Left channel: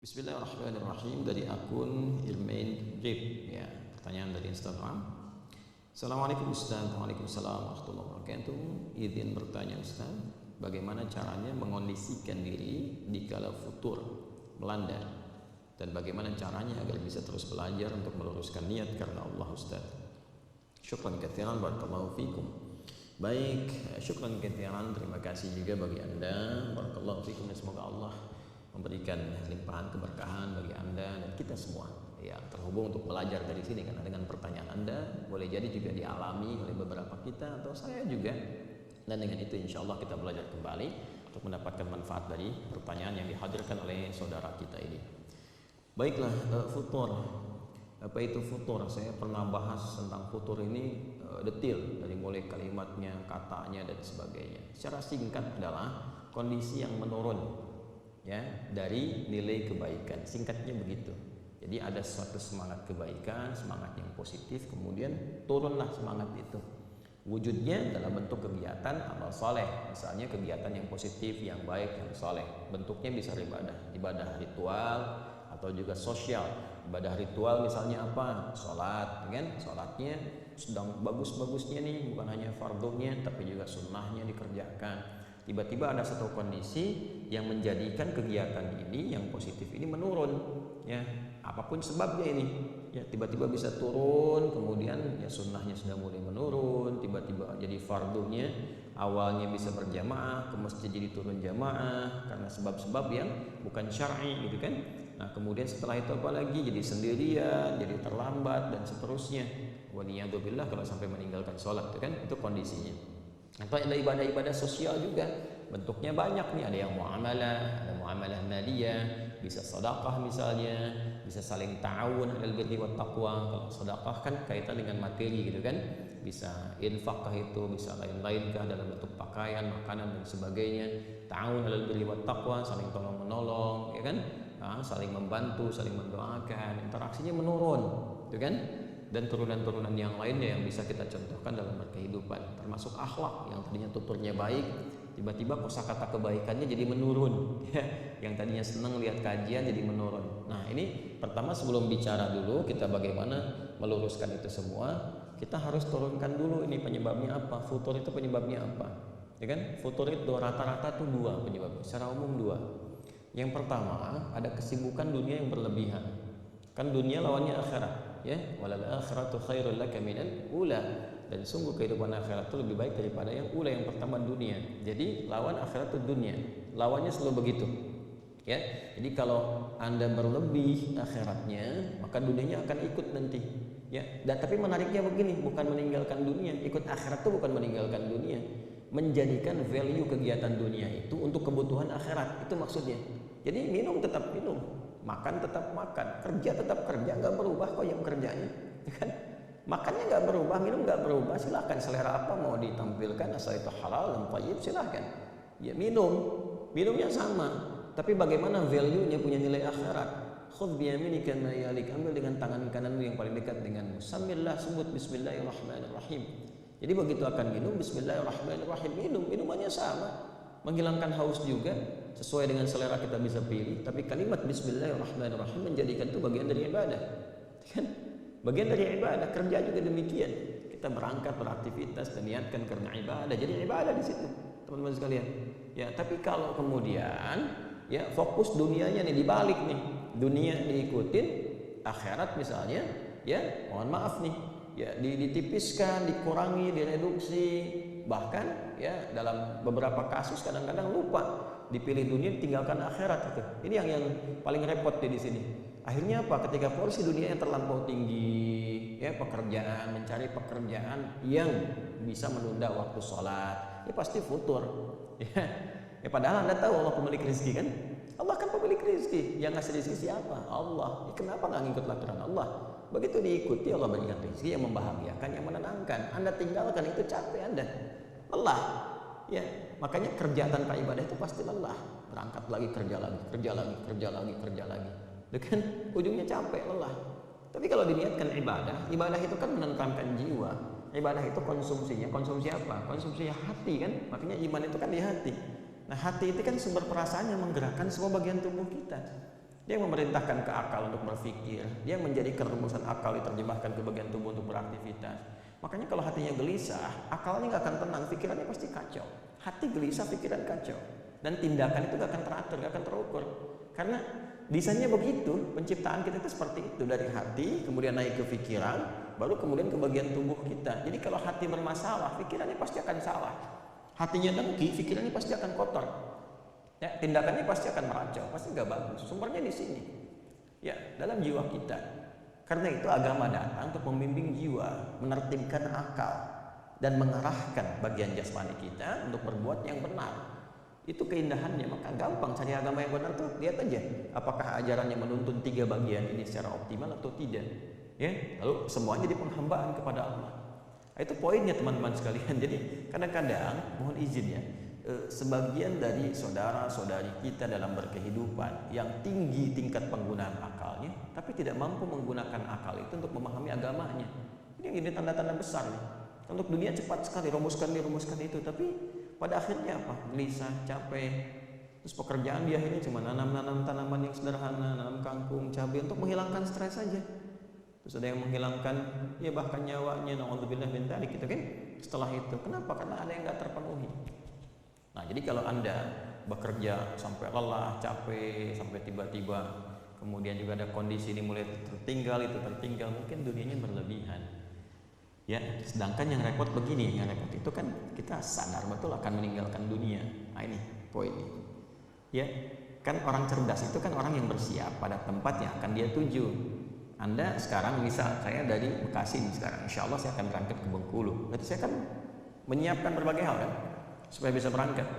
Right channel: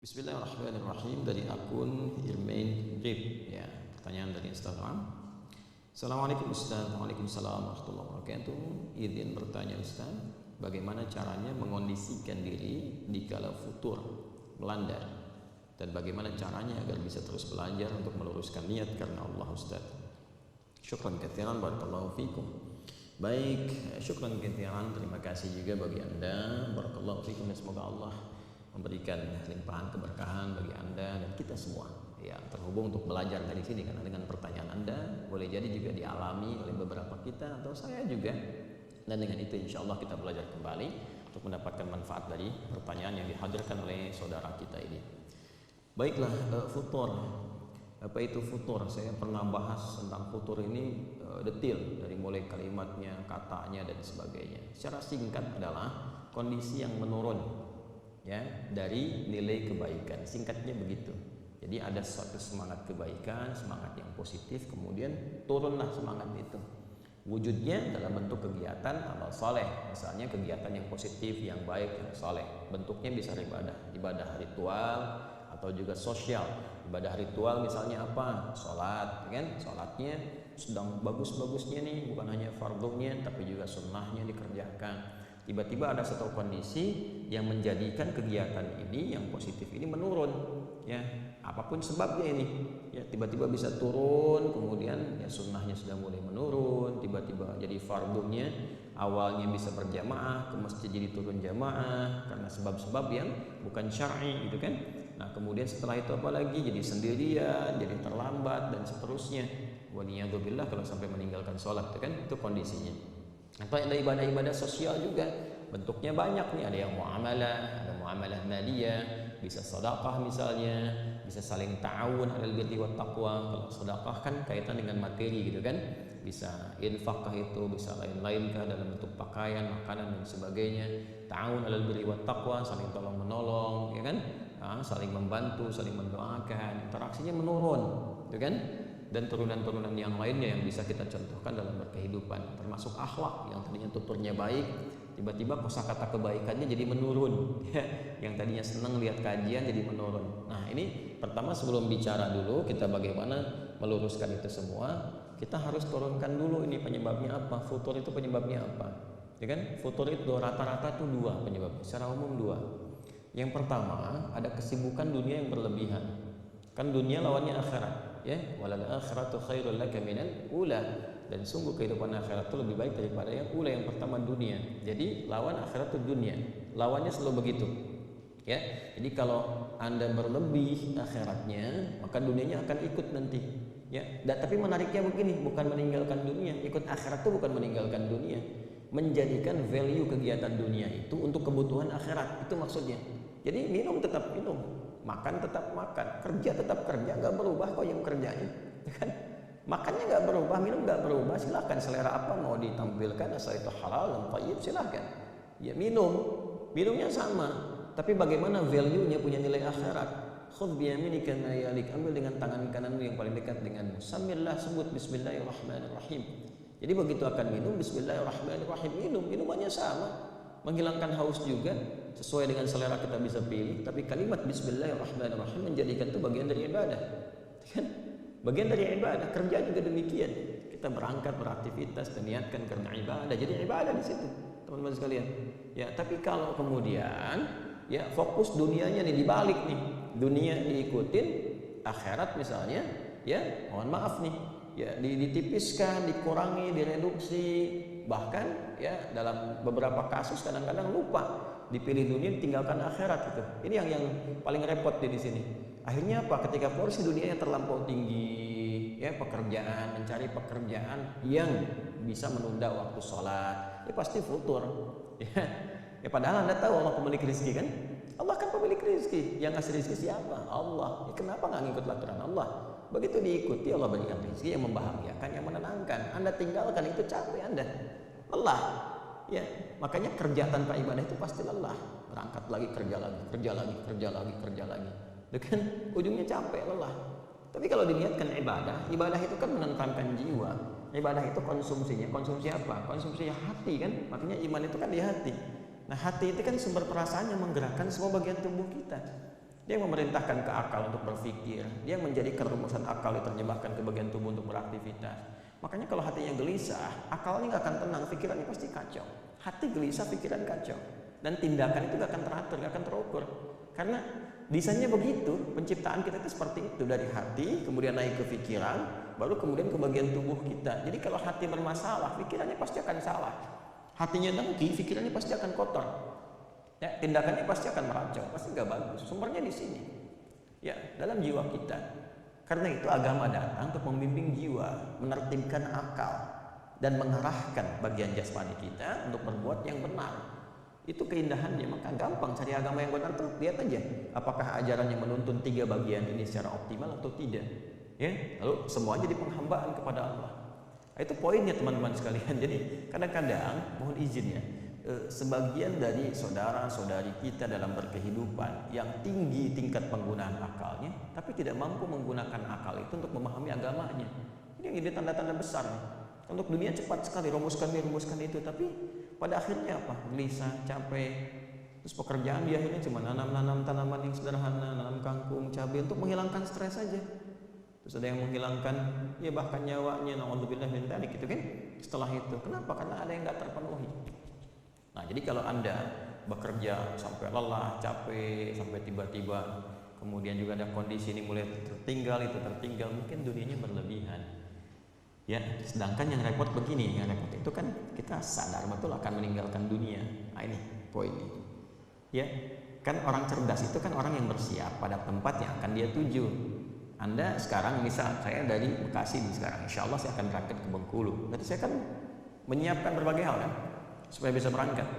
Bismillahirrahmanirrahim, dari akun Irmain Drip. Ya, pertanyaan dari Instagram. Assalamualaikum Ustaz. Waalaikumsalam warahmatullahi wabarakatuh. Izin bertanya Ustaz, bagaimana caranya mengondisikan diri di kala futur melanda, dan bagaimana caranya agar bisa terus belajar untuk meluruskan niat karena Allah Ustaz. Syukran katsiran, barakallahu fikum. Baik, syukran katsiran, terima kasih juga bagi Anda, barakallahu fikum, dan semoga Allah memberikan limpahan keberkahan bagi Anda dan kita semua yang terhubung untuk belajar dari sini, karena dengan pertanyaan Anda boleh jadi juga dialami oleh beberapa kita atau saya juga, dan dengan itu insya Allah kita belajar kembali untuk mendapatkan manfaat dari pertanyaan yang dihadirkan oleh saudara kita ini. Baiklah, futur. Apa itu futur? Saya pernah bahas tentang futur ini detail, dari mulai kalimatnya, katanya, dan sebagainya. Secara singkat adalah kondisi yang menurun, ya, dari nilai kebaikan. Singkatnya begitu. Jadi ada suatu semangat kebaikan, semangat yang positif, kemudian turunlah semangat itu. Wujudnya dalam bentuk kegiatan amal soleh, misalnya kegiatan yang positif, yang baik, yang soleh. Bentuknya bisa ibadah ritual atau juga sosial. Ibadah ritual misalnya apa? Sholat, kan? Sholatnya sedang bagus-bagusnya nih, bukan hanya fardunya, tapi juga sunnahnya dikerjakan. Tiba-tiba ada satu kondisi yang menjadikan kegiatan ini yang positif ini menurun, ya, apapun sebabnya ini, ya, tiba-tiba bisa turun, kemudian ya sunnahnya sudah mulai menurun, tiba-tiba jadi fardunya awalnya bisa berjamaah, ke masjid jadi turun jamaah karena sebab-sebab yang bukan syar'i, gitu kan. Nah, kemudian setelah itu apalagi jadi sendirian, jadi terlambat dan seterusnya. Waliyadzubillah, kalau sampai meninggalkan sholat, itu kan, itu kondisinya. Atau ada ibadah-ibadah sosial juga, bentuknya banyak nih, ada yang muamalah, ada muamalah maliyah, bisa sedekah misalnya, bisa saling ta'awun 'alal birri wat taqwa. Kalau sedekah kan kaitan dengan materi, gitu kan, bisa infakkah itu, bisa lain-lainkah dalam bentuk pakaian, makanan, dan sebagainya. Ta'awun 'alal birri wat taqwa, saling tolong menolong, ya kan, saling membantu, saling mendoakan, interaksinya menurun, gitu kan. Dan turunan-turunan yang lainnya yang bisa kita contohkan dalam berkehidupan, termasuk akhlak yang tadinya tuturnya baik, tiba-tiba kosakata kebaikannya jadi menurun, ya. Yang tadinya senang lihat kajian jadi menurun. Nah, ini pertama, sebelum bicara dulu kita bagaimana meluruskan itu semua, kita harus turunkan dulu ini penyebabnya apa, futur itu penyebabnya apa, ya kan. Futur itu rata-rata tuh dua penyebabnya, secara umum dua. Yang pertama, ada kesibukan dunia yang berlebihan, kan dunia lawannya akhirat, ya, walal akhiratu khairul laka minal ula, dan sungguh kehidupan akhirat itu lebih baik daripada yang ula, yang pertama dunia. Jadi lawan akhirat itu dunia, lawannya selalu begitu, ya. Jadi kalau Anda berlebih akhiratnya, maka dunianya akan ikut nanti, ya. Tapi menariknya begini, bukan meninggalkan dunia, ikut akhirat itu bukan meninggalkan dunia, menjadikan value kegiatan dunia itu untuk kebutuhan akhirat, itu maksudnya. Jadi minum tetap minum, makan tetap makan, kerja tetap kerja, nggak berubah kok jam kerjanya, kan? Makannya nggak berubah, minum nggak berubah, silahkan selera apa mau ditampilkan, asal itu halal dan thayyib, silahkan. Ya, minumnya sama, tapi bagaimana value-nya, punya nilai akhirat. Khudh biyaminika ma yalik, ambil dengan tangan kananmu yang paling dekat denganmu. Sambillah, sebut bismillahirrahmanirrahim. Jadi begitu akan minum, bismillahirrahmanirrahim, minumannya sama, menghilangkan haus juga, sesuai dengan selera kita bisa pilih. Tapi kalimat bismillahirrahmanirrahim menjadikan itu bagian dari ibadah, kan? Bagian dari ibadah. Kerja juga demikian, kita berangkat beraktivitas dan niatkan karena ibadah, jadi ibadah di situ, teman-teman sekalian, ya. Tapi kalau kemudian, ya, fokus dunianya nih dibalik nih, dunia diikutin, akhirat misalnya, ya, mohon maaf nih, ya, ditipiskan, dikurangi, direduksi, bahkan, ya, dalam beberapa kasus kadang-kadang lupa, dipilih dunia, ditinggalkan akhirat, gitu. Ini yang paling repot di sini. Akhirnya apa? Ketika porsi dunia yang terlampau tinggi, ya, pekerjaan, mencari pekerjaan yang bisa menunda waktu sholat, ya pasti futur, ya. Ya, padahal Anda tahu Allah pemilik rezeki, kan? Allah kan pemilik rezeki, yang ngasih rezeki siapa? Allah. Kenapa nggak ngikut aturan Allah? Begitu diikuti, Allah berikan rezeki yang membahagiakan, yang menenangkan. Anda tinggalkan, itu capek Anda, lelah. Ya, makanya kerja tanpa ibadah itu pasti lelah. Berangkat lagi, kerja lagi, kerja lagi, kerja lagi, kerja lagi. Kan ujungnya capek, lelah. Tapi kalau diniatkan ibadah itu kan menenteramkan jiwa. Ibadah itu konsumsinya, konsumsi apa? Konsumsi hati, kan? Makanya iman itu kan di hati. Nah, hati itu kan sumber perasaan yang menggerakkan semua bagian tubuh kita. Dia yang memerintahkan ke akal untuk berpikir, dia yang menjadikan rumusan akal diterjemahkan ke bagian tubuh untuk beraktivitas. Makanya kalau hatinya gelisah, akalnya nggak akan tenang, pikirannya pasti kacau. Hati gelisah, pikiran kacau. Dan tindakan itu nggak akan teratur, nggak akan terukur. Karena desainnya begitu, penciptaan kita itu seperti itu. Dari hati, kemudian naik ke pikiran, baru kemudian ke bagian tubuh kita. Jadi kalau hati bermasalah, pikirannya pasti akan salah. Hatinya dengki, pikirannya pasti akan kotor. Ya, tindakannya pasti akan meracau, pasti nggak bagus. Sumbernya di sini. Ya, dalam jiwa kita. Karena itu agama datang untuk membimbing jiwa, menertibkan akal, dan mengarahkan bagian jasmani kita untuk berbuat yang benar. Itu keindahannya, maka gampang cari agama yang benar tuh. Lihat aja, apakah ajarannya menuntun 3 bagian ini secara optimal atau tidak. Ya, lalu semuanya jadi penghambaan kepada Allah. Itu poinnya teman-teman sekalian. Jadi kadang-kadang, mohon izin ya, sebagian dari saudara-saudari kita dalam berkehidupan yang tinggi tingkat penggunaan akalnya, tapi tidak mampu menggunakan akal itu untuk memahami agamanya. Ini tanda-tanda besar nih. Untuk dunia cepat sekali rumuskan ini, rumuskan itu, tapi pada akhirnya apa? Gelisah, capek. Terus pekerjaan di akhirnya cuma nanam tanaman yang sederhana, nanam kangkung, cabai untuk menghilangkan stres saja. Terus ada yang menghilangkan ya bahkan nyawanya, naudzubillah min dzalik gitu kan. Setelah itu, kenapa? Karena ada yang nggak terpenuhi. Nah, jadi kalau Anda bekerja sampai lelah, capek, sampai tiba-tiba kemudian juga ada kondisi ini mulai tertinggal, itu tertinggal, mungkin dunianya berlebihan. Ya, sedangkan yang repot begini, yang repot itu kan kita sadar betul akan meninggalkan dunia. Nah, ini poinnya. Ya, kan orang cerdas itu kan orang yang bersiap pada tempat yang akan dia tuju. Anda sekarang misal saya dari Bekasi nih sekarang, insya Allah saya akan berangkat ke Bengkulu. Berarti saya kan menyiapkan berbagai hal kan supaya bisa berangkat,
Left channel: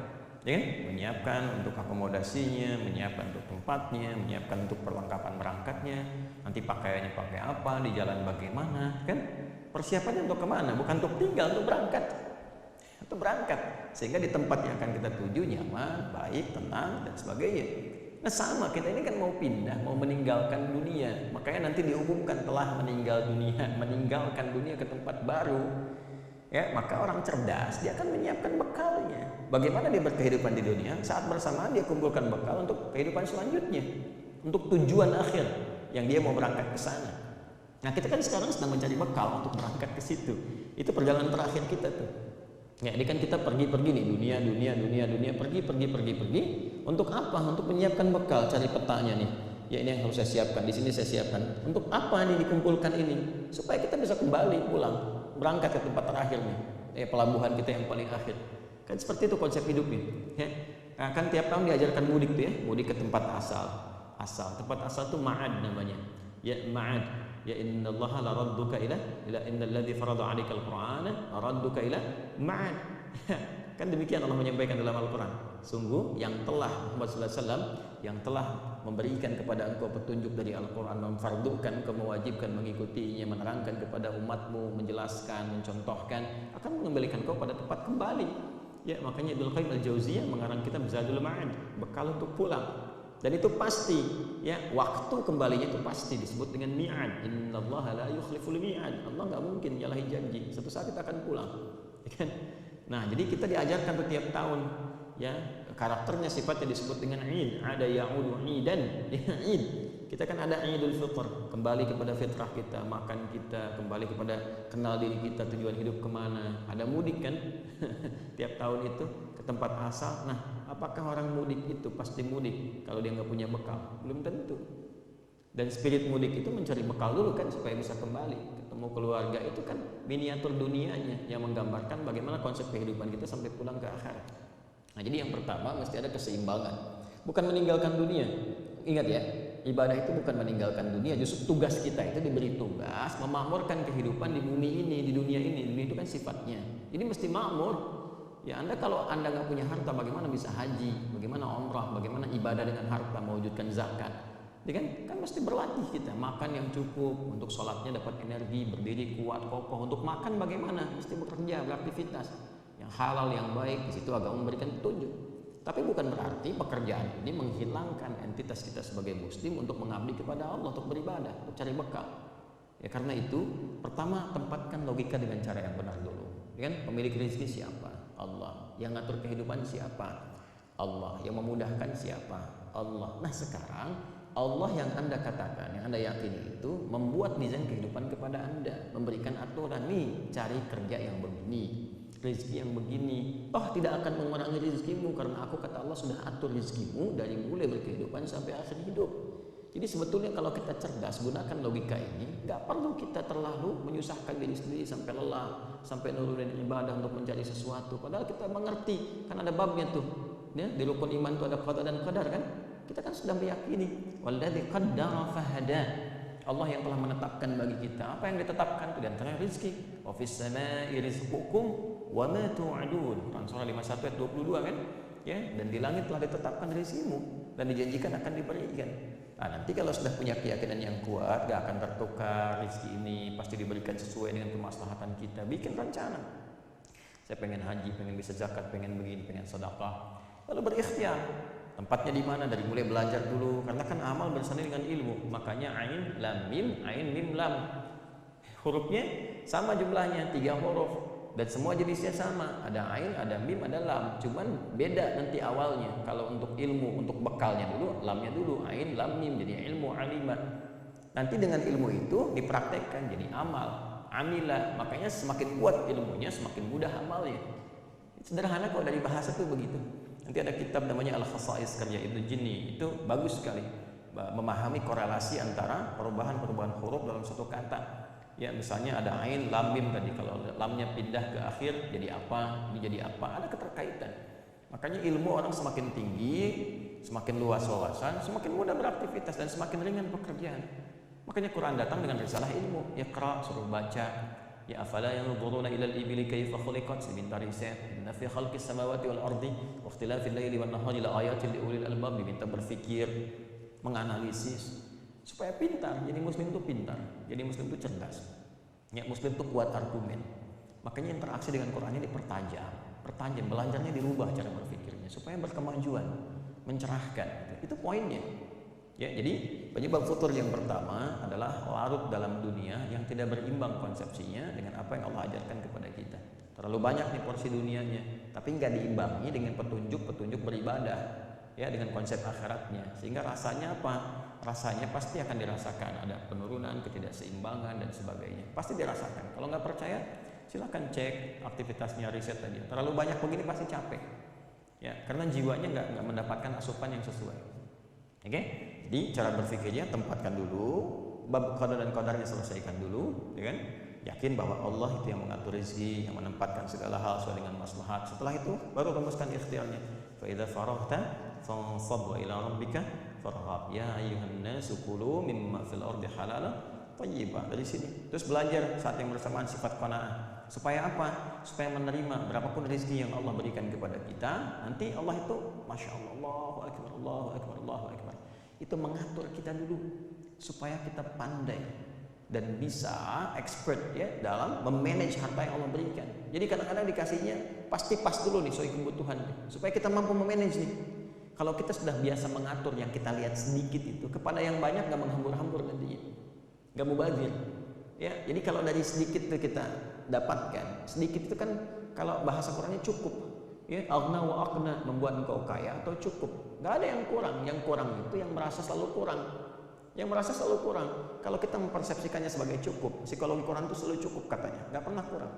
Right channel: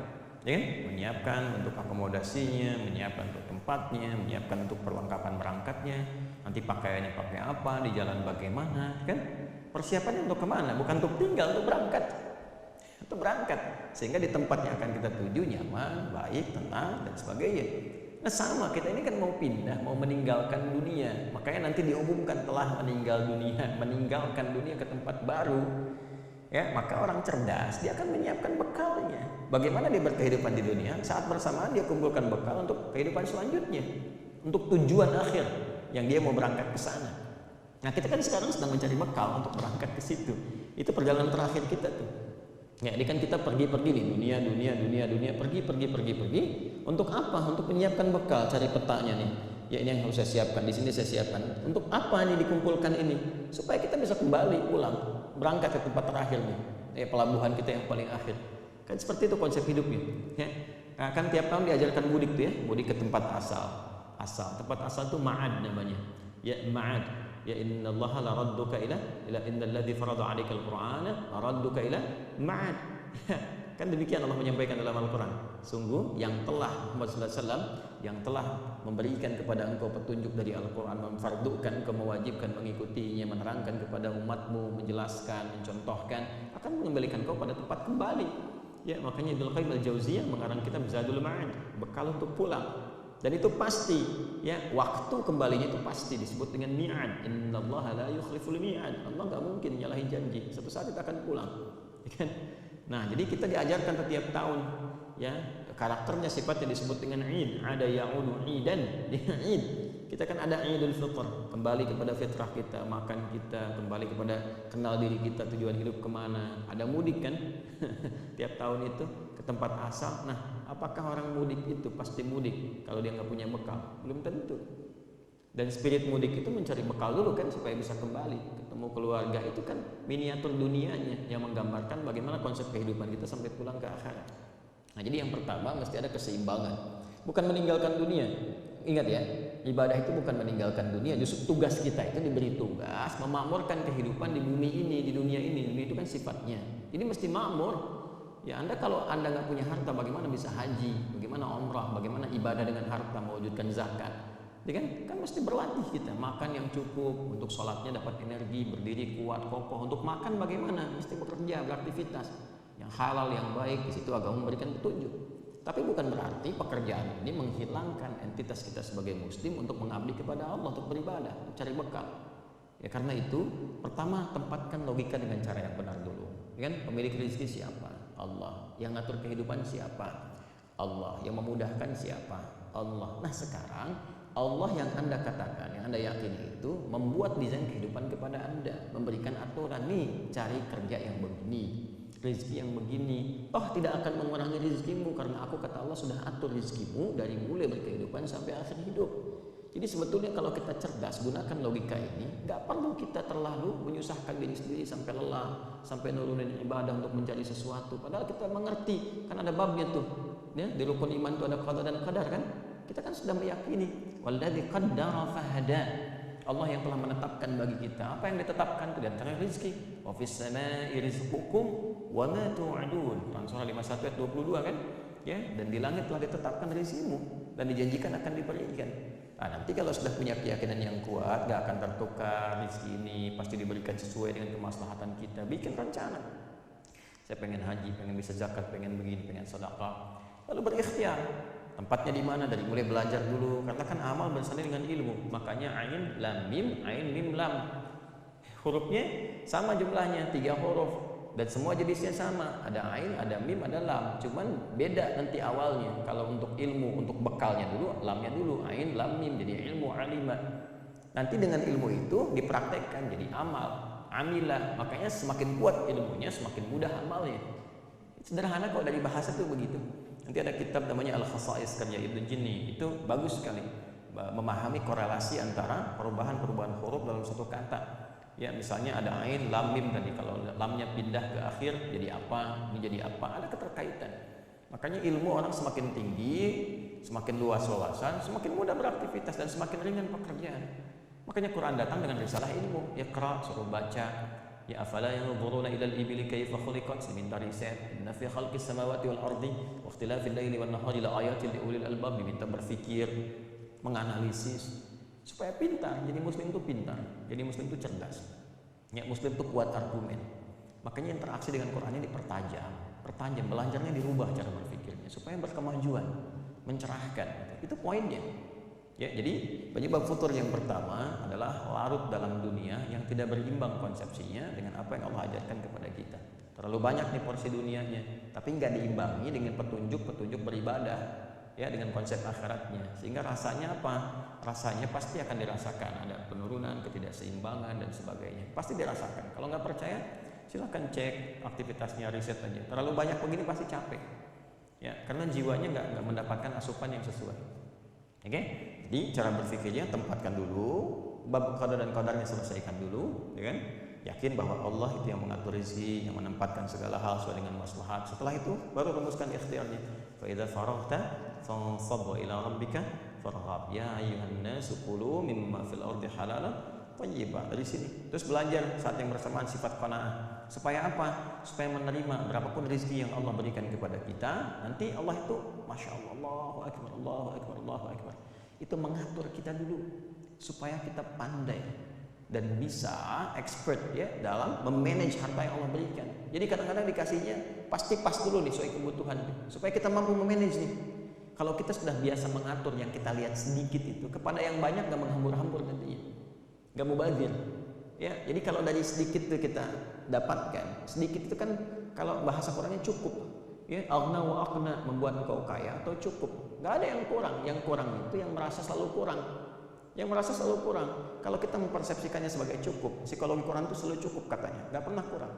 ya kan? Menyiapkan untuk akomodasinya, menyiapkan untuk tempatnya, menyiapkan untuk perlengkapan berangkatnya, nanti pakaiannya pakai apa, di jalan bagaimana, kan? Persiapannya untuk kemana? Bukan untuk tinggal, untuk berangkat, untuk berangkat, sehingga di tempat yang akan kita tuju nyaman, baik, tenang dan sebagainya. Nah sama, kita ini kan mau pindah, mau meninggalkan dunia, makanya nanti diumumkan telah meninggal dunia, meninggalkan dunia ke tempat baru. Ya, maka orang cerdas dia akan menyiapkan bekalnya. Bagaimana dia berkehidupan di dunia, saat bersamaan dia kumpulkan bekal untuk kehidupan selanjutnya, untuk tujuan akhir yang dia mau berangkat ke sana. Nah, kita kan sekarang sedang mencari bekal untuk berangkat ke situ. Itu perjalanan terakhir kita tuh. Ya, ini kan kita pergi-pergi nih, dunia, pergi. Untuk apa? Untuk menyiapkan bekal, cari petanya nih. Ya, ini yang harus saya siapkan, di sini saya siapkan. Untuk apa nih dikumpulkan ini? Supaya kita bisa kembali pulang. Berangkat ke tempat terakhir nih, ya, pelabuhan kita yang paling akhir. Kan seperti itu konsep hidupnya. Ya. Kan tiap tahun diajarkan mudik tuh ya, mudik ke tempat asal. Tempat asal tuh ma'ad namanya. Ya ma'ad. Ya innallaha la radduka ila innalladzi farada 'alaikal qur'ana la radduka ila ma'ad. Ya, kan demikian Allah menyampaikan dalam Al-Qur'an. Sungguh yang telah Muhammad sallallahu alaihi wasallam yang telah memberikan kepada engkau petunjuk dari Al-Quran, memfardukan engkau, mewajibkan mengikutinya, menerangkan kepada umatmu, menjelaskan, mencontohkan, akan mengembalikan engkau pada tempat kembali. Ya, makanya Ibnu Qayyim Al-Jauziyah mengarang kitab Zadul Ma'ad, bekal untuk pulang. Dan itu pasti, ya, waktu kembalinya itu pasti disebut dengan mi'ad. Innallaha la yukhliful mi'ad. Allah nggak mungkin nyalahi janji. Satu saat kita akan pulang. Ya kan? Nah, jadi kita diajarkan tuh tiap tahun. Ya, karakternya sifatnya disebut dengan id, ada ya'udu idan, id. Kita kan ada Idul Fitr, kembali kepada fitrah kita, makan kita, kembali kepada kenal diri kita, tujuan hidup kemana. Ada mudik kan, tiap tahun itu ke tempat asal. Nah, apakah orang mudik itu pasti mudik kalau dia nggak punya bekal? Belum tentu. Dan spirit mudik itu mencari bekal dulu kan supaya bisa kembali, ketemu keluarga. Itu kan miniatur dunianya yang menggambarkan bagaimana konsep kehidupan kita sampai pulang ke akhirat. Nah, jadi yang pertama mesti ada keseimbangan. Bukan meninggalkan dunia. Ingat ya, ibadah itu bukan meninggalkan dunia. Justru tugas kita itu diberi tugas memakmurkan kehidupan di bumi ini, di dunia ini. Dunia itu kan sifatnya. Jadi mesti makmur. Ya, kalau Anda nggak punya harta, bagaimana bisa haji? Bagaimana umrah? Bagaimana ibadah dengan harta, mewujudkan zakat? Ya kan mesti berlatih kita. Makan yang cukup, untuk sholatnya dapat energi, berdiri kuat, kokoh. Untuk makan bagaimana? Mesti bekerja, beraktivitas. Yang halal, yang baik, di situ agama memberikan petunjuk. Tapi bukan berarti pekerjaan ini menghilangkan entitas kita sebagai muslim untuk mengabdi kepada Allah, untuk beribadah, untuk cari bekal. Ya, karena itu, pertama tempatkan logika dengan cara yang benar dulu. Ya kan? Pemilik rezeki siapa? Allah. Yang ngatur kehidupan siapa? Allah. Yang memudahkan siapa? Allah. Nah, sekarang Allah yang Anda katakan, yang Anda yakini itu membuat desain kehidupan kepada Anda, memberikan aturan nih, cari kerja yang begini, rezeki yang begini. Toh tidak akan mengurangi rezekimu karena aku kata Allah sudah atur rezekimu dari mulai berkehidupan sampai akhir hidup. Jadi sebetulnya kalau kita cerdas gunakan logika ini, nggak perlu kita terlalu menyusahkan diri sendiri sampai lelah, sampai nurunin ibadah untuk mencari sesuatu. Padahal kita mengerti, kan ada babnya tuh. Ya, di rukun iman itu ada qada dan qadar kan? Kita kan sudah meyakini walladzi qaddara fahada. Allah yang telah menetapkan bagi kita. Apa yang ditetapkan itu di antara rezeki. Wa fis samaa'i rizqukum wa ma tu'adun. Quran surah 51 ayat 22 kan? Ya, dan di langit telah ditetapkan rezekimu dan dijanjikan akan diberikan. Nah, nanti kalau sudah punya keyakinan yang kuat, gak akan tertukar rezeki ini, pasti diberikan sesuai dengan kemaslahatan kita. Bikin rencana. Saya pengen haji, pengen bisa zakat, pengen begini, pengen sedekah. Lalu berikhtiar. Tempatnya di mana? Dari mulai belajar dulu, karena kan amal bersanding dengan ilmu. Makanya ain lam mim lam. Hurufnya sama jumlahnya 3 huruf dan semua jenisnya sama. Ada ain, ada mim, ada lam. Cuman beda nanti awalnya. Kalau untuk ilmu, untuk bekalnya dulu, lamnya dulu, ain lam mim jadi ilmu alima. Nanti dengan ilmu itu dipraktekkan jadi amal, amila. Makanya semakin kuat ilmunya, semakin mudah amalnya. Sederhana kok dari bahasa tuh begitu. Nanti ada kitab namanya Al-Khasa'is karya Ibnu Jinni, itu bagus sekali memahami korelasi antara perubahan-perubahan huruf dalam satu kata. Ya, misalnya ada ain, lam, mim tadi, kalau lamnya pindah ke akhir jadi apa, ini jadi apa, ada keterkaitan. Makanya ilmu orang semakin tinggi, semakin luas wawasan, semakin mudah beraktivitas dan semakin ringan pekerjaan. Makanya Quran datang dengan risalah ilmu, Iqra, suruh baca. Ya afala yanzuruna ilal ibili kaifa khuliqat, diminta riset. Inna fi khalqis samawati wal ardi wa ikhtilafil laili wan nahari la ayatil liulil albab, diminta berpikir, menganalisis supaya pintar. Jadi muslim itu pintar, jadi muslim itu cerdas. Ya, muslim itu kuat argumen. Makanya interaksi dengan Qur'annya dipertajam, belajarnya dirubah cara berpikirnya supaya berkemajuan, mencerahkan gitu. Itu poinnya. Ya, jadi penyebab futur yang pertama adalah larut dalam dunia yang tidak berimbang konsepsinya dengan apa yang Allah ajarkan kepada kita. Terlalu banyak nih porsi dunianya, tapi nggak diimbangi dengan petunjuk beribadah, ya, dengan konsep akhiratnya. Sehingga rasanya apa? Rasanya pasti akan dirasakan, ada penurunan, ketidakseimbangan dan sebagainya. Pasti dirasakan. Kalau nggak percaya, silakan cek aktivitasnya, riset aja. Terlalu banyak begini pasti capek. Ya, karena jiwanya nggak mendapatkan asupan yang sesuai. Oke? Jadi cara berpikirnya tempatkan dulu, bab qada dan qadarnya selesaikan dulu, ya kan? Yakin bahwa Allah itu yang mengatur rezeki, yang menempatkan segala hal sesuai dengan maslahat. Setelah itu baru rumuskan ikhtiarnya. Fa idza faraghta fansab wa ila rabbika farghab. Ya ayyuhan nasu kulu mimma fil ardi halalan thayyiba. Dari sini. Terus belajar saat yang bersamaan sifat qanaah. Supaya apa? Supaya menerima berapapun rezeki yang Allah berikan kepada kita. Nanti Allah itu Masya Allah, Allahu Akbar, Allahu Akbar, Allahu Akbar. Itu mengatur kita dulu supaya kita pandai dan bisa expert ya dalam memanage harta yang Allah berikan. Jadi kadang-kadang dikasihnya pasti pas dulu nih sesuai kebutuhan nih, supaya kita mampu memanage nih. Kalau kita sudah biasa mengatur yang kita lihat sedikit itu kepada yang banyak nggak menghambur-hambur nantinya, nggak mubazir. Ya, jadi kalau dari sedikit itu kita dapatkan, sedikit itu kan kalau bahasa Qurannya cukup. Ya, aghna wa aqna, membuat engkau kaya atau cukup. Nggak ada yang kurang. Yang kurang itu yang merasa selalu kurang. Yang merasa selalu kurang. Kalau kita mempersepsikannya sebagai cukup, psikologi Quran itu selalu cukup katanya, nggak pernah kurang.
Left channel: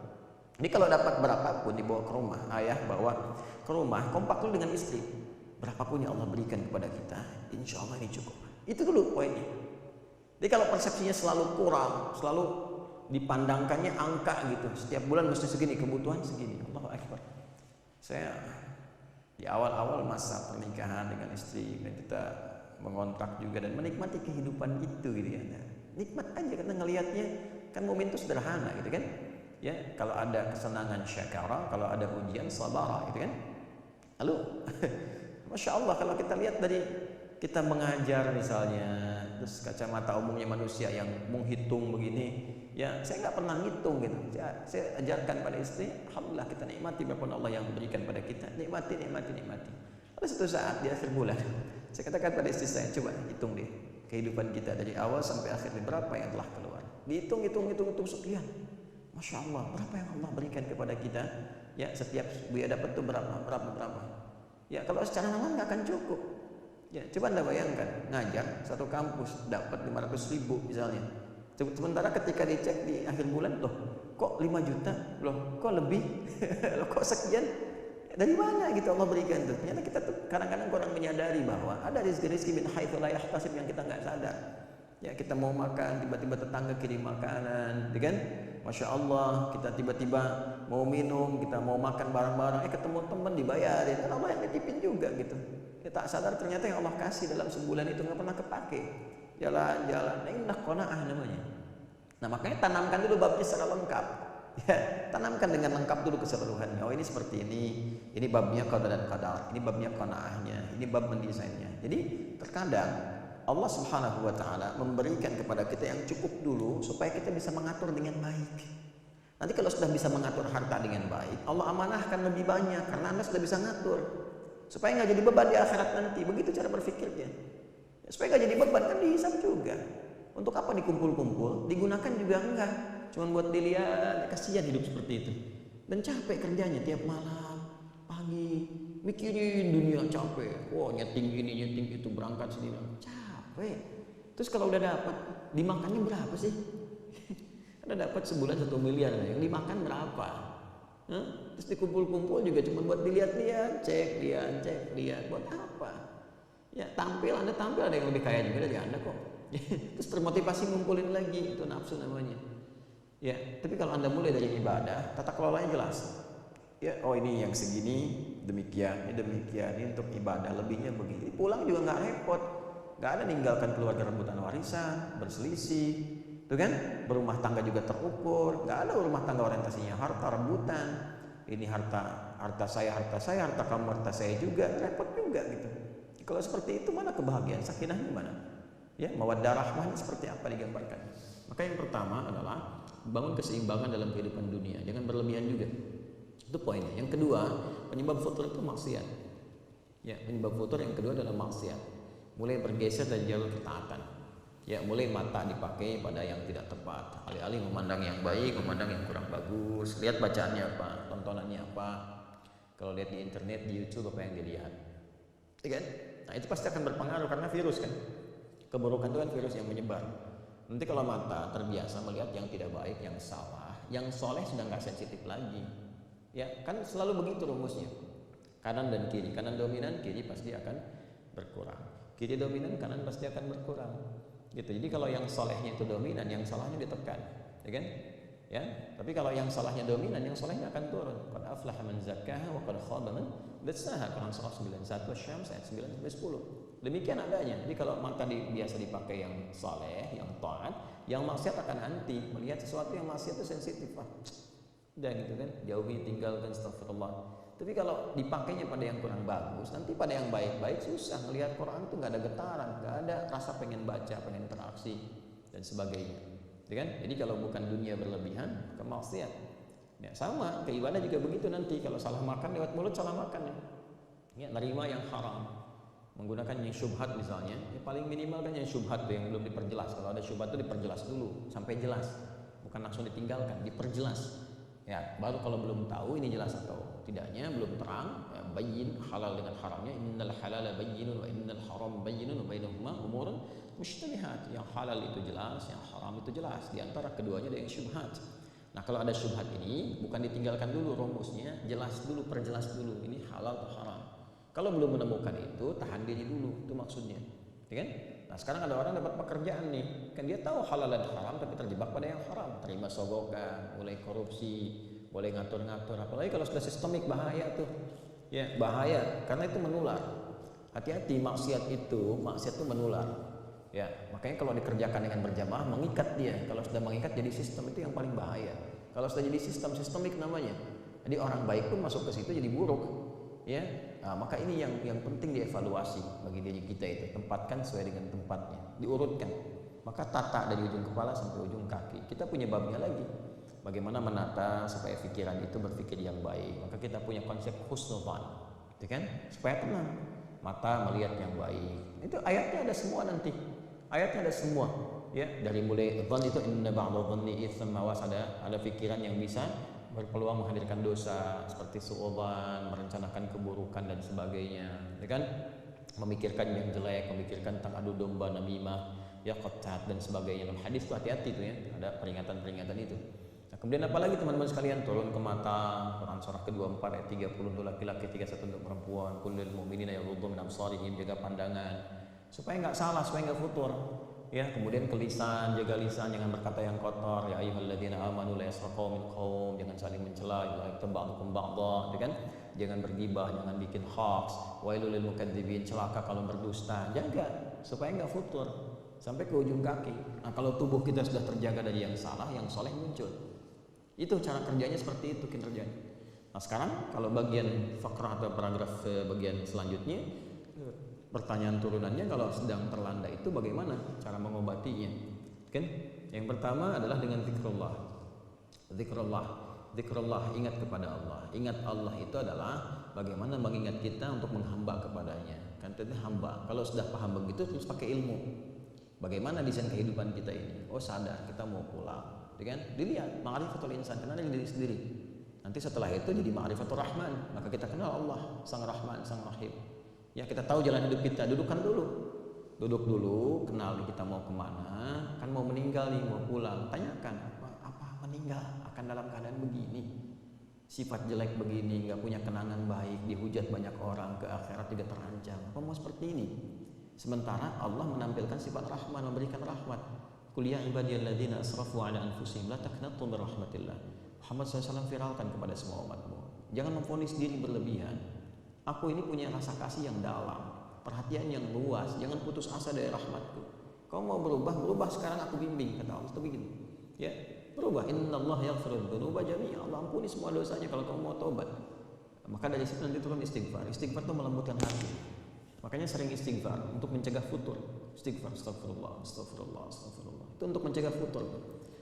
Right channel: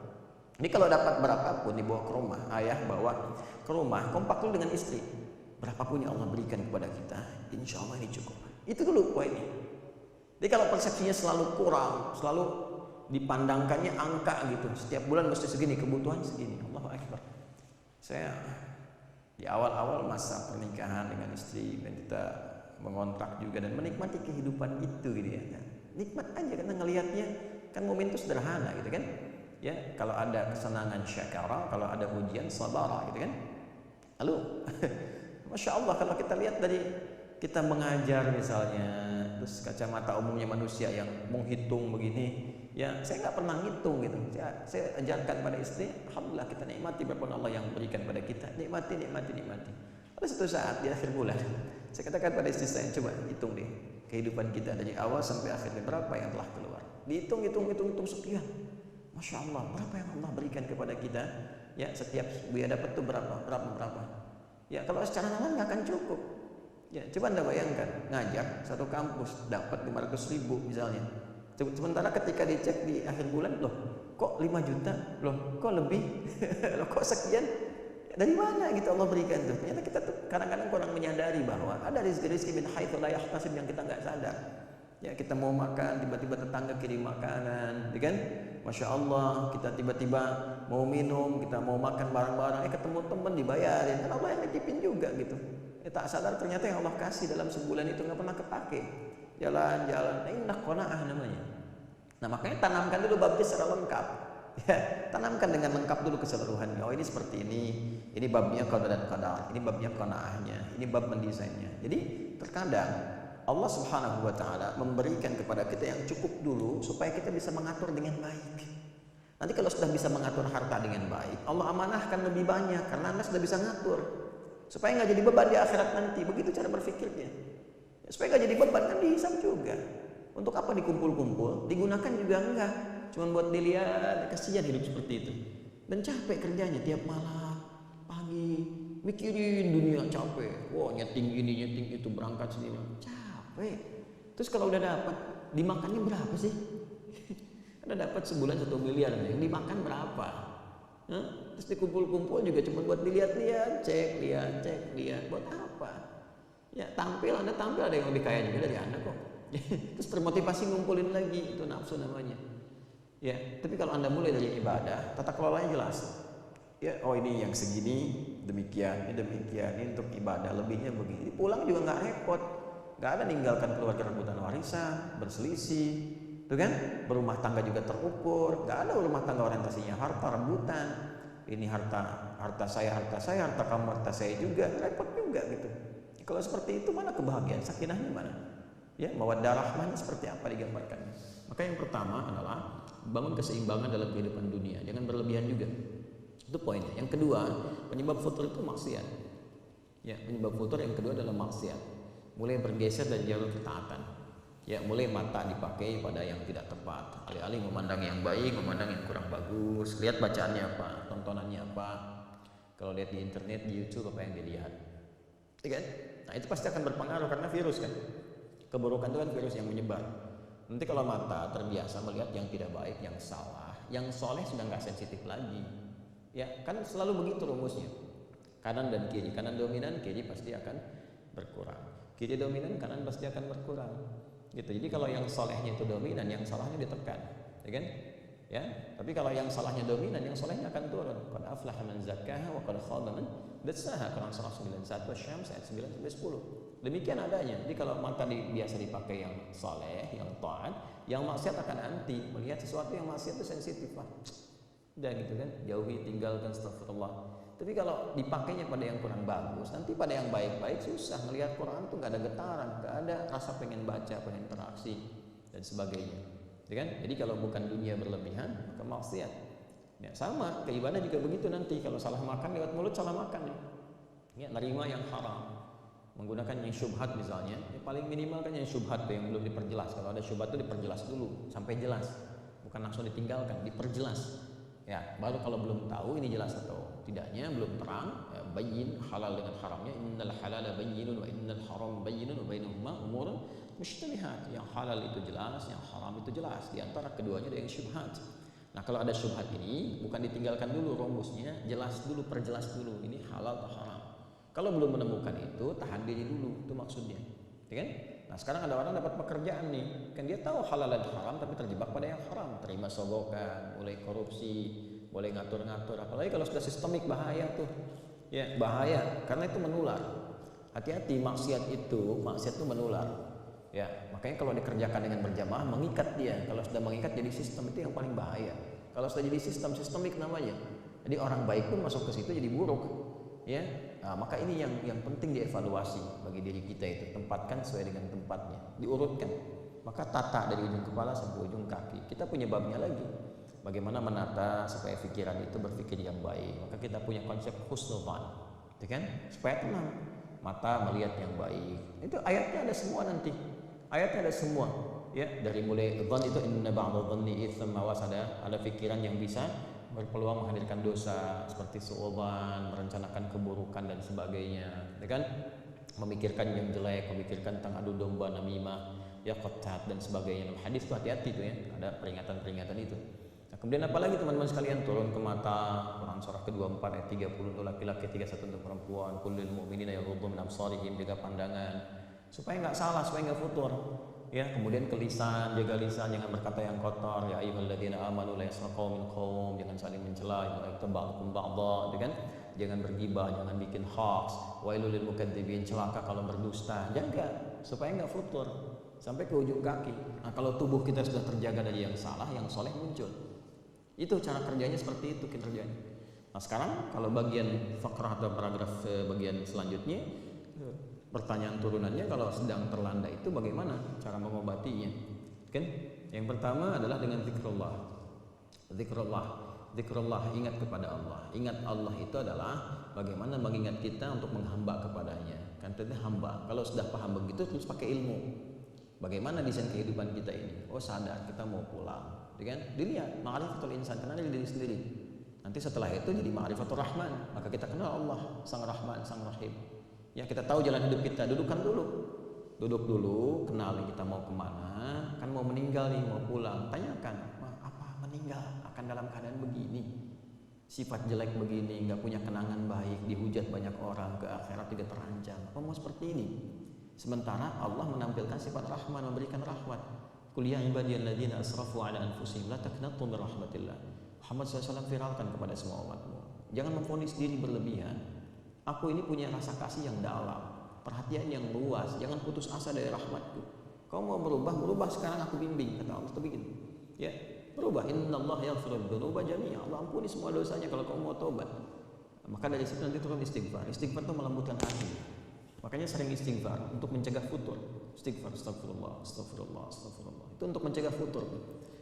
Jadi kalau dapat berapapun dibawa ke rumah, ayah bawa ke rumah, kompak dulu dengan istri. Berapapun yang Allah berikan kepada kita, insya Allah ini cukup. Itu dulu poinnya. Jadi kalau persepsinya selalu kurang, selalu dipandangkannya angka gitu, setiap bulan mesti segini, kebutuhan segini, Allahu Akbar. Saya di awal-awal masa pernikahan dengan istri dan kita mengontrak juga dan menikmati kehidupan itu gitu ya. Nah, nikmat aja karena ngelihatnya kan momen itu sederhana gitu kan. Ya, kalau ada kesenangan syakara, kalau ada ujian sabara gitu kan. Lalu Masya Allah kalau kita lihat dari kita mengajar misalnya, terus kacamata umumnya manusia yang menghitung begini. Ya, saya nggak pernah ngitung gitu. Saya ajarkan pada istri, alhamdulillah kita nikmati berapa Allah yang berikan pada kita. Nikmati. Lalu suatu saat di akhir bulan, saya katakan pada istri saya, coba hitung deh kehidupan kita dari awal sampai akhirnya berapa yang telah keluar. Dihitung sekian. Masya Allah, berapa yang Allah berikan kepada kita? Ya, setiap buaya dapat tuh berapa. Ya, kalau secara nalar nggak akan cukup. Ya, coba Anda bayangkan, ngajar satu kampus dapat 500.000 misalnya. Sementara ketika dicek di akhir bulan, loh kok 5 juta, loh kok lebih, loh kok sekian, ya, dari mana gitu Allah berikan tuh. Ternyata kita tuh kadang-kadang kurang menyadari bahwa ada rezeki min haitsu la yahtasib yang kita nggak sadar. Ya, kita mau makan, tiba-tiba tetangga kirim makanan, ya kan? Masya Allah, kita tiba-tiba mau minum, kita mau makan bareng-bareng, ketemu teman dibayarin, kan Allah yang nitipin juga gitu. Ya, tak sadar ternyata yang Allah kasih dalam sebulan itu nggak pernah kepake. Jalan-jalan, nah inilah qanaah namanya. Nah makanya tanamkan dulu babnya secara lengkap. Ya, tanamkan dengan lengkap dulu keseluruhannya. Oh ini seperti ini babnya qada dan qadar, ini babnya qanaahnya, ini bab mendesainnya. Jadi terkadang Allah Subhanahu wa taala memberikan kepada kita yang cukup dulu supaya kita bisa mengatur dengan baik. Nanti kalau sudah bisa mengatur harta dengan baik, Allah amanahkan lebih banyak karena Anda sudah bisa ngatur. Supaya nggak jadi beban di akhirat nanti. Begitu cara berpikirnya. Ya, supaya nggak jadi beban kan dihisab juga. Untuk apa dikumpul-kumpul? Digunakan juga enggak. Cuman buat dilihat, kasihan hidup seperti itu. Dan capek kerjanya tiap malam, pagi, mikirin dunia capek. Wah, nyeting ini, nyeting itu, berangkat sini, berangkat. Capek. Terus kalau udah dapat, dimakannya berapa sih? Ada dapat sebulan 1 miliar, yang dimakan berapa? Hah? Terus dikumpul-kumpul juga cuma buat dilihat-lihat, cek, lihat. Buat apa? Ya tampil, Anda tampil ada yang lebih kaya juga dari Anda kok. Terus termotivasi ngumpulin lagi, itu nafsu namanya. Ya, tapi kalau Anda mulai dari ibadah, tata kelolanya jelas. Ya, oh ini yang segini, demikian, ini untuk ibadah, lebihnya begini. Pulang juga nggak repot. Nggak ada ninggalkan keluarga rebutan warisan, berselisih. Tuh kan? Berumah tangga juga terukur. Nggak ada rumah tangga orientasinya harta, rebutan. Ini harta saya, harta kamu, harta saya juga. Repot juga gitu. Kalau seperti itu mana kebahagiaan, sakinahnya mana? Ya, mawaddah rahmahnya seperti apa digambarkannya? Maka yang pertama adalah bangun keseimbangan dalam kehidupan dunia. Jangan berlebihan juga. Itu poinnya. Yang kedua, penyebab futur itu maksiat. Ya, penyebab futur yang kedua adalah maksiat. Mulai bergeser dari jalur ketaatan. Ya, mulai mata dipakai pada yang tidak tepat. Alih-alih memandang yang baik, memandang yang kurang bagus. Lihat bacaannya apa, tontonannya apa. Kalau lihat di internet, di YouTube apa yang dilihat. Ya kan? Nah, itu pasti akan berpengaruh karena virus kan. Keburukan itu kan virus yang menyebar. Nanti kalau mata terbiasa melihat yang tidak baik, yang salah, yang soleh sudah nggak sensitif lagi. Ya, kan selalu begitu rumusnya. Kanan dan kiri, kanan dominan, kiri pasti akan berkurang. Kiri dominan, kanan pasti akan berkurang. Gitu. Jadi kalau yang solehnya itu dominan, yang salahnya ditekan, ya kan? Ya, tapi kalau yang salahnya dominan, yang solehnya akan turun. Qad aflaha man zakkaha wa qad khaba man dassaha. Quran surah 91 Asy-Syams ayat 9 sampai 10. Demikian adanya. Jadi kalau mata biasa dipakai yang saleh, yang taat, yang maksiat akan anti. Melihat sesuatu yang maksiat itu sensitif. Udah gitu kan, jauhi, tinggalkan, astagfirullah. Tapi kalau dipakainya pada yang kurang bagus, nanti pada yang baik-baik susah. Ngelihat Quran tuh nggak ada getaran, nggak ada rasa pengen baca, pengen interaksi dan sebagainya. Ya kan? Jadi kalau bukan dunia berlebihan, maka maksiat. Ya, sama, ke ibadah juga begitu nanti. Kalau salah makan lewat mulut, salah makan nih. Ya, nerima yang haram, menggunakan yang syubhat misalnya, ya paling minimal kan yang syubhat tuh yang belum diperjelas. Kalau ada syubhat tuh diperjelas dulu sampai jelas, bukan langsung ditinggalkan, diperjelas. Ya, baru kalau belum tahu ini jelas atau tidaknya, belum terang, ya, bayyin halal dengan haramnya. Innal halala bayyinun wa innal haram bayyinun wa bainahuma umurun mushtabihat. Yang halal itu jelas, yang haram itu jelas. Di antara keduanya ada yang syubhat. Nah, kalau ada syubhat ini bukan ditinggalkan dulu rumusnya, jelas dulu, perjelas dulu ini halal atau haram. Kalau belum menemukan itu, tahan diri dulu, itu maksudnya. Ya kan? Nah, sekarang ada orang dapat pekerjaan nih, kan dia tahu halal dan haram tapi terjebak pada yang haram, terima sogokan, mulai korupsi, mulai ngatur-ngatur. Apalagi kalau sudah sistemik, bahaya tuh. Ya, bahaya karena itu menular. Hati-hati, maksiat itu menular. Ya, makanya kalau dikerjakan dengan berjamaah mengikat dia. Kalau sudah mengikat jadi sistem, itu yang paling bahaya. Kalau sudah jadi sistemik namanya. Jadi orang baik pun masuk ke situ jadi buruk. Ya. Nah, maka ini yang penting dievaluasi bagi diri kita itu, tempatkan sesuai dengan tempatnya, diurutkan. Maka tata dari ujung kepala sampai ujung kaki. Kita punya babnya lagi. Bagaimana menata supaya pikiran itu berpikir yang baik. Maka kita punya konsep husnudzan, gitu kan? Supaya tenang. Mata melihat yang baik. Itu ayatnya ada semua nanti. Ayatnya ada semua. Ya, dari mulai dzan itu inna ba'dadh dhanni itsam, awas ada pikiran yang bisa berpeluang menghadirkan dosa seperti suudzon, merencanakan keburukan dan sebagainya, ya kan? memikirkan yang jelek, memikirkan tentang adu domba, namimah, ya qatat dan sebagainya. Dalam hadis itu hati-hati tuh ya, ada peringatan-peringatan itu. Nah, kemudian apalagi teman-teman sekalian, turun ke mata, Quran surah ke-24 ayat 30 untuk laki-laki, 31 untuk perempuan, kullil mu'minina yaghuddu min absarihim, jaga pandangan supaya enggak salah, supaya enggak futur. Ya, kemudian ke lisan, jaga lisan, jangan berkata yang kotor. Ya ayyuhalladzina amanu la yasraqu min qaum, jangan saling mencela, la yaktaba'dukum ba'dha, kan? Jangan bergibah, jangan bikin hoax. Wailul lil mukadzibin, celaka kalau berdusta. Jaga supaya enggak futur sampai ke ujung kaki. Nah, kalau tubuh kita sudah terjaga dari yang salah, yang soleh muncul. Itu cara kerjanya, seperti itu kinerjanya. Nah, sekarang kalau bagian fakrah atau paragraf bagian selanjutnya, pertanyaan turunannya, kalau sedang terlanda itu bagaimana cara mengobatinya? Kan? Yang pertama adalah dengan zikrullah. Zikrullah, ingat kepada Allah. Ingat Allah itu adalah bagaimana mengingat kita untuk menghamba kepadanya. Kan itu hamba. Kalau sudah paham begitu, terus pakai ilmu. Bagaimana desain kehidupan kita ini? Oh, sadar kita mau pulang, kan? Dilihat ma'rifatul insan, kenal diri sendiri. Nanti setelah itu jadi ma'rifatul rahman, maka kita kenal Allah, sang rahman, sang rahim. Ya, kita tahu jalan hidup kita, duduk dulu, kenal nih kita mau kemana, kan mau meninggal nih, mau pulang. Tanyakan, apa meninggal akan dalam keadaan begini, sifat jelek begini, nggak punya kenangan baik, dihujat banyak orang, ke akhirat juga terancam. Apa mau seperti ini? Sementara Allah menampilkan sifat rahman, memberikan rahmat. Qul ya ibadiyalladzina asrafu ala anfusihim la taqnatu min rahmatillah. Muhammad SAW viralkan kepada semua umatmu, jangan memvonis diri berlebihan. Aku ini punya rasa kasih yang dalam, perhatian yang luas, jangan putus asa dari rahmatku. Kau mau berubah sekarang aku bimbing, kata Allah. Itu begitu. Ya, berubah. Innallaha yaghfiru dzunuba jami'a. Allah ampuni semua dosanya kalau kau mau tobat. Maka dari situ nanti turun istighfar. Istighfar itu melembutkan hati. Makanya sering istighfar untuk mencegah futur. Istighfar, astagfirullah. Itu untuk mencegah futur.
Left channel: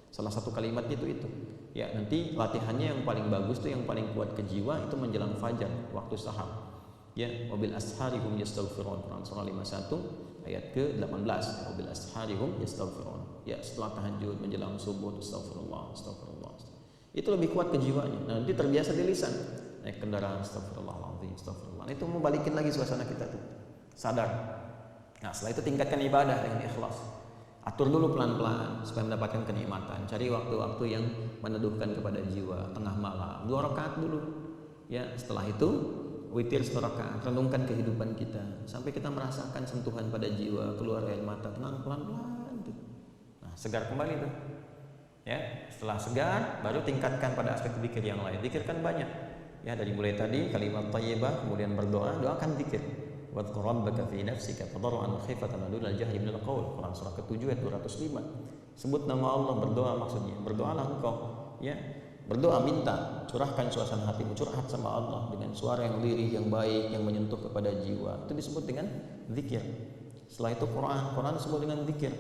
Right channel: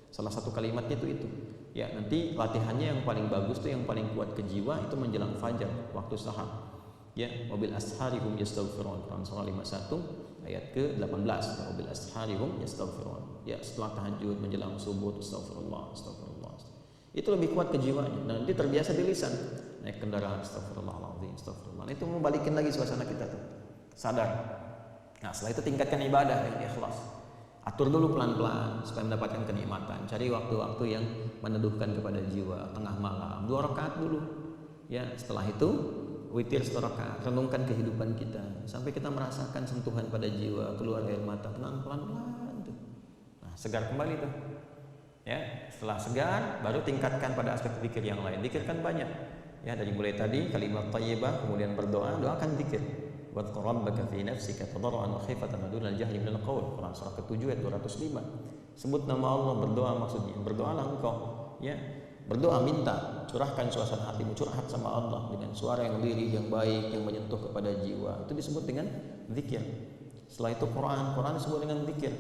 Salah satu kalimatnya itu. Ya, nanti latihannya yang paling bagus tuh, yang paling kuat ke jiwa itu menjelang fajar, waktu sahar. Ya, wabil asharihum yastaghfirun. Quran surah 51 ayat ke-18. Ya, wabil asharihum yastaghfirun. Ya, setelah tahajud menjelang subuh astagfirullah. Itu lebih kuat ke jiwanya. Nah, nanti terbiasa di lisan. Naik kendaraan astagfirullahaladzim, astagfirullah. Nah, itu mau balikin lagi suasana kita tuh. Sadar. Nah, setelah itu tingkatkan ibadah dengan ikhlas. Atur dulu pelan-pelan supaya mendapatkan kenikmatan. Cari waktu-waktu yang meneduhkan kepada jiwa, tengah malam, 2 rakaat dulu. Ya, setelah itu witir 1 rakaat, renungkan kehidupan kita sampai kita merasakan sentuhan pada jiwa, keluar air mata, tenang pelan-pelan tuh. Nah, segar kembali tuh. Ya, setelah segar baru tingkatkan pada aspek zikir yang lain. Zikirkan banyak. Ya, dari mulai tadi kalimat thayyibah, kemudian berdoa, doakan zikir. Wadhkur rabbaka fi nafsika tadarruan wa khifatan wa dunal jahri minal qaul. Quran surah ke-7 ayat 205. Sebut nama Allah, berdoa maksudnya. Berdoalah engkau, ya. Berdoa, minta, curahkan suasana hatimu, curhat sama Allah dengan suara yang lirih, yang baik, yang menyentuh kepada jiwa. Itu disebut dengan zikir. Setelah itu Quran disebut dengan zikir.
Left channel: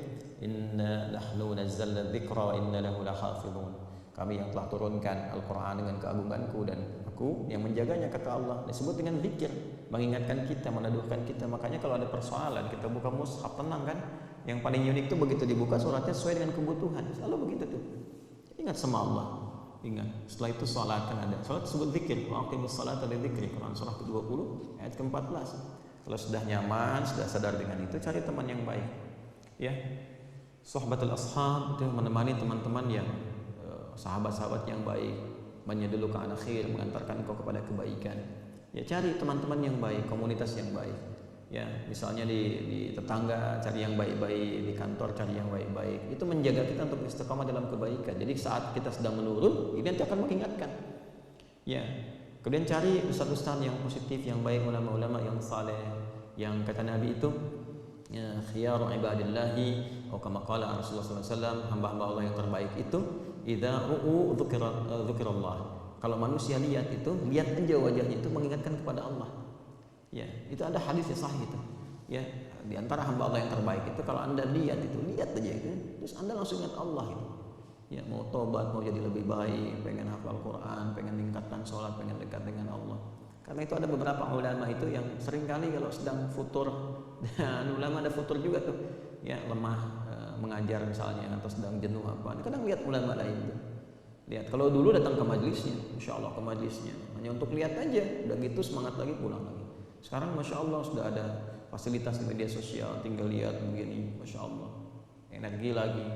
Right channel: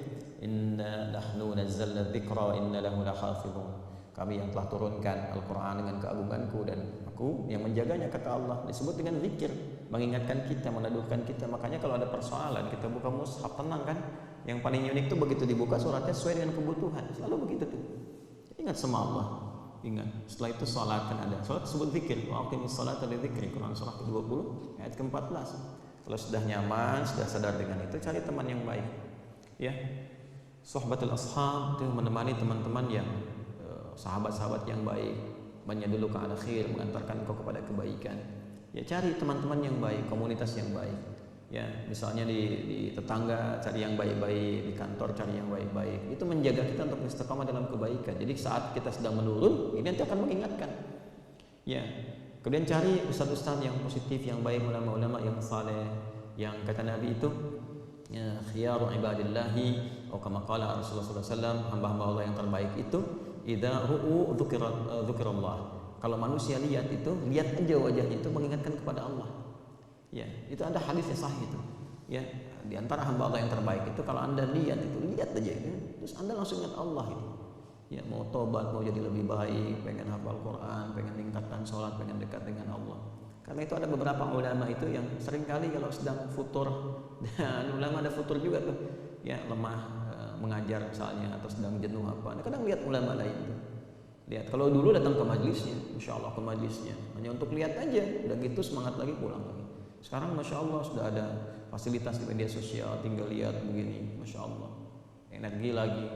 Inna nahnu nazzalna dzikra wa inna lahu lahafizun. Kami yang telah turunkan Al-Quran dengan keagunganku dan aku yang menjaganya, kata Allah. Disebut dengan zikir, mengingatkan kita, meneduhkan kita. Makanya kalau ada persoalan kita buka mushaf, tenang kan. Yang paling unik tuh begitu dibuka suratnya sesuai dengan kebutuhan. Selalu begitu tuh. Ingat sama Allah. Ingat. Setelah itu salat kan ada. Salat disebut zikir. Wa aqimus salata lidzikri. Quran surah ke-20 ayat ke-14. Kalau sudah nyaman, sudah sadar dengan itu, cari teman yang baik. Ya. Sohbatul ashab itu menemani teman-teman yang sahabat-sahabat yang baik, menyedulu ke ala khair, mengantarkan kau kepada kebaikan. Ya, cari teman-teman yang baik, komunitas yang baik. Ya, misalnya di tetangga cari yang baik-baik, di kantor cari yang baik-baik. Itu menjaga kita untuk istiqamah dalam kebaikan. Jadi saat kita sedang menurun, ini nanti akan mengingatkan. Ya. Kemudian cari ustaz-ustaz yang positif, yang baik, ulama-ulama yang saleh, yang kata Nabi itu ya, khiyaru ibadillahi atau kama qala Rasulullah sallallahu alaihi wasallam, hamba-hamba Allah yang terbaik itu idza ru'u dzukirallah. Kalau manusia lihat itu, lihat aja wajahnya itu mengingatkan kepada Allah. Ya, itu ada hadis yang sahih itu. Ya, di antara hamba Allah yang terbaik itu kalau Anda lihat itu, lihat aja itu, terus Anda langsung ingat Allah itu. Ya, mau tobat, mau jadi lebih baik, pengen hafal Quran, pengen tingkatkan sholat, pengen dekat dengan Allah. Karena itu ada beberapa ulama itu yang seringkali kalau sedang futur, dan ulama ada futur juga tuh. Ya, lemah mengajar misalnya atau sedang jenuh apa. Nah, kadang lihat ulama lain tuh. Lihat, kalau dulu datang ke majlisnya, Masya Allah ke majlisnya, hanya untuk lihat aja, udah gitu semangat lagi pulang lagi. Sekarang Masya Allah sudah ada fasilitas di media sosial, tinggal lihat begini, Masya Allah, energi lagi.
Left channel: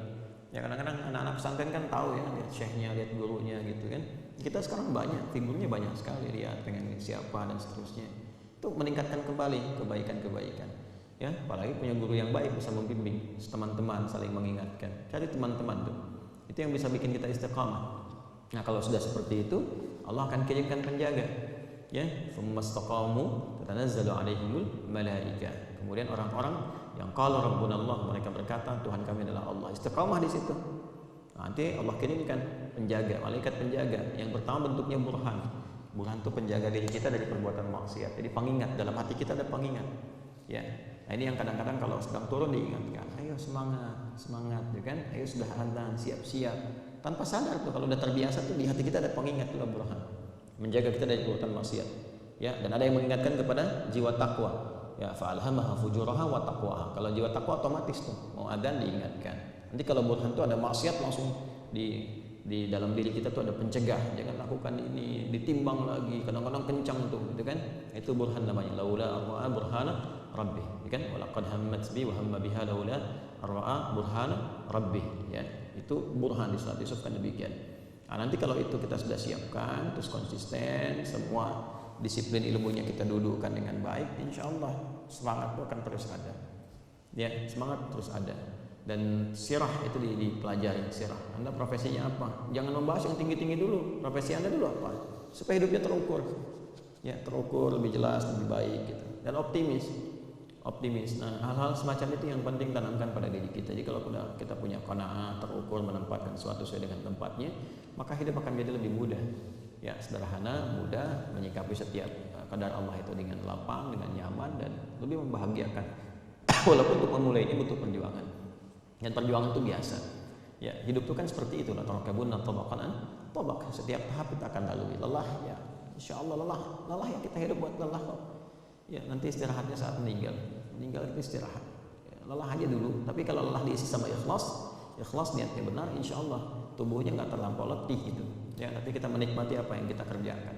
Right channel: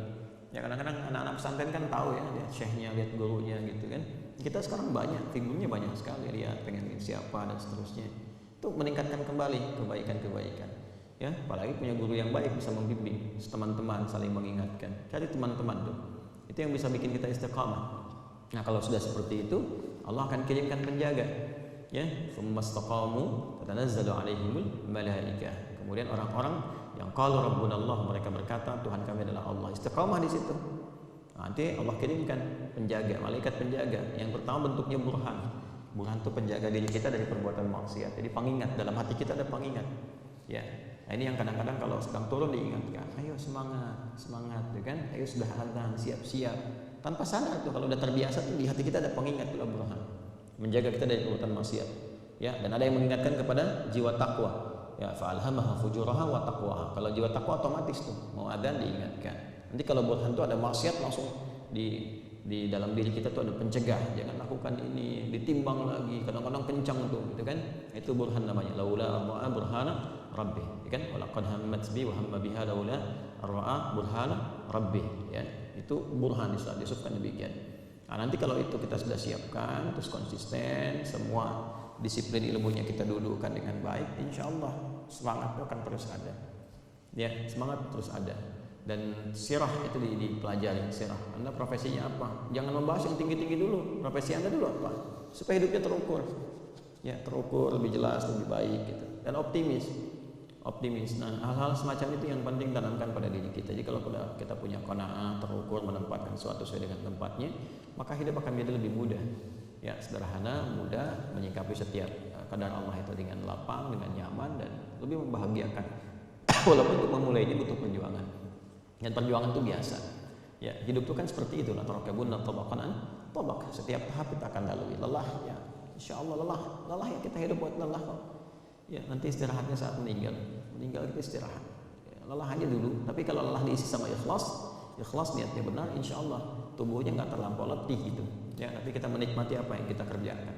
Ya kadang-kadang anak-anak pesantren kan tahu ya, lihat syekhnya, lihat gurunya gitu kan. Kita sekarang banyak, figurnya banyak sekali, lihat pengen siapa dan seterusnya. Itu meningkatkan kembali kebaikan-kebaikan. Ya, apalagi punya guru yang baik bisa membimbing, teman-teman saling mengingatkan. Cari teman-teman tuh. Itu yang bisa bikin kita istiqamah. Nah, kalau sudah seperti itu, Allah akan kirimkan penjaga. Ya, tsumastaqamu tatanazzalu alaihimul malaika. Kemudian orang-orang yang qalu rabbunallah, mereka berkata Tuhan kami adalah Allah. Istiqamah di situ. Nanti Allah kirimkan penjaga, malaikat penjaga. Yang pertama bentuknya burhan. Burhan itu penjaga diri kita dari perbuatan maksiat. Jadi pengingat, dalam hati kita ada pengingat. Ya. Nah, ini yang kadang-kadang kalau sedang turun diingatkan, ayo semangat, semangat, ya kan? Ayo sudah adzan, siap-siap. Tanpa sadar tuh kalau udah terbiasa tuh di hati kita ada pengingat, itulah burhan. Menjaga kita dari perbuatan maksiat. Ya, dan ada yang mengingatkan kepada jiwa takwa. Ya, fa'alhamaha fujuraha wa taqwaha. Kalau jiwa takwa otomatis tuh mau adzan diingatkan. Nanti kalau burhan tuh ada maksiat langsung di dalam diri kita tuh ada pencegah, jangan lakukan ini, ditimbang lagi, kadang-kadang kencang tuh gitu kan. Itu burhan namanya, laula arba'a burhana rabbi, ya kan? Walaqad hammat bi wa hamma biha laula arba'a burhana rabbi, ya. Itu burhan di surat Yusuf kan demikian. Nah, nanti kalau itu kita sudah siapkan, terus konsisten, semua disiplin ilmunya kita dudukkan dengan baik, insya Allah semangat itu akan terus ada. Ya, semangat terus ada. Dan sirah itu dipelajari, sirah. Anda profesinya apa? Jangan membahas yang tinggi-tinggi dulu. Profesi Anda dulu apa? Supaya hidupnya terukur. Ya, terukur, lebih jelas, lebih baik gitu. Dan optimis. Optimis. Nah, hal-hal semacam itu yang penting tanamkan pada diri kita. Jadi kalau kita punya qanaah, terukur, menempatkan sesuatu sesuai dengan tempatnya, maka hidup akan menjadi lebih mudah. Ya, sederhana, mudah, menyikapi setiap kadar Allah itu dengan lapang, dengan nyaman, dan lebih membahagiakan. Walaupun untuk memulainya butuh perjuangan. Dan perjuangan itu biasa. Ya, hidup itu kan seperti itu lah. Tarakabunna tabaqan an tabaq. Setiap tahap kita akan lalui. Lelah ya, insyaallah lelah ya, kita hidup buat lelah kok. Ya, nanti istirahatnya saat meninggal. Meninggal kita istirahat. Ya, lelah aja dulu. Tapi kalau lelah diisi sama ikhlas niatnya benar, insyaallah tubuhnya nggak terlampau letih gitu. Ya, tapi kita menikmati apa yang kita kerjakan.